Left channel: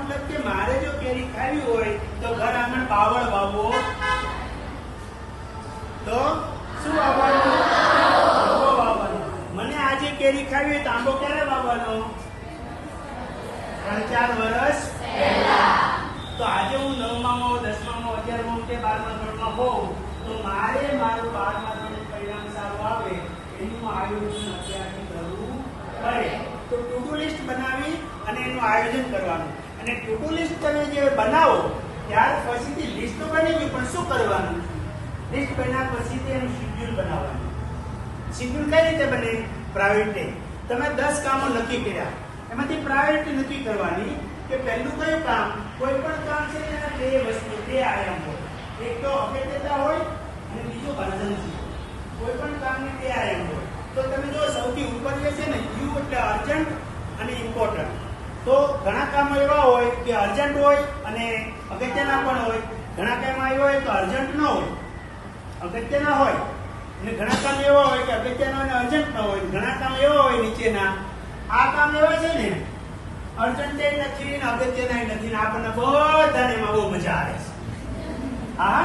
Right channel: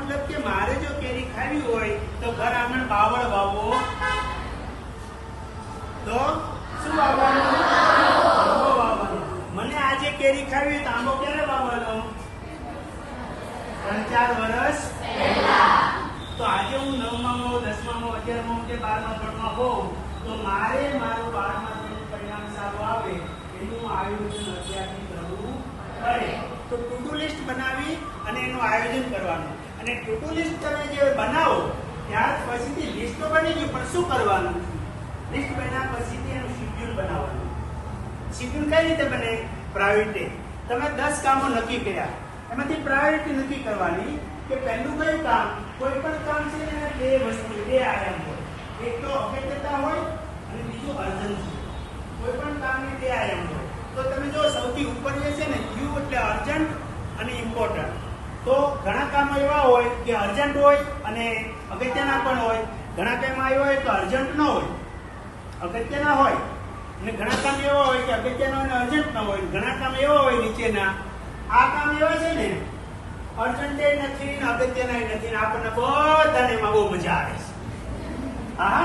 મતલબ કે મારે જો કેરી ખાવી હોય તો ઘર આંગણ બાવળ વાવવો, તો શું વાવવાનું? આંબો વાવવાનો. મને આજે કેરી ખાવી હોય તો આંબો ક્યારે વાવવાનો? 3-4 વર્ષ પહેલા. તો આજે હું 9માં, 10માં, 11માં કે 12મા ધોરણમાં હોઉં તો મારે મારું 12મા ધોરણનું પરિણામ સારું આવે એનું આયોજન અત્યારથી કરવું પડે. તો ટુ ડુ લિસ્ટ બનાવી અને એનું આયોજન કરવાનું. અને ટુ ડુ લિસ્ટ તમે જે બનાવો ત્યાર પછીથી લિસ્ટ તો બની ગયું, પણ શું કરવાનું? લિસ્ટ બન્યા પછીથી એનું શેડ્યુલ બનાવવાનું. શેડ્યુલ કઈ રીતે બને? પ્રાયોરિટી. તમે 10 કામો નક્કી કર્યા, એમાંથી પ્રાયોરિટી નક્કી કરવાની કે પહેલું કયું કામ? કોઈ પણ કામ છે એના બે આયામ હોય. એક તો અગત્યતા હોય અને બીજું અર્જન્સી. કોઈ પણ કામની 2 આયામ હોય. તો તમે જો સૌથી ઉપર જે છે ને યુ એટલે અર્જન્ટ અને ઇમ્પોર્ટન્ટ. તો ઘણા કામો એવા હોય કે અર્જન્ટ હોય અને અગત્યના પણ હોય. ઘણા કામ એવા હોય તો અર્જન્ટ ન હોય, અગત્યના હોય. અને ઘણા કામ એવા હોય કે અગત્યના અને અર્જન્ટ ન હોય. ઘણા કામ એવા હોય નીચેના, આ કામ એવા છે ને અર્જન્ટ નથી ને અગત્યના નથી ને આપણને બધાને એમાં બહુ મજા આવે છે. હા.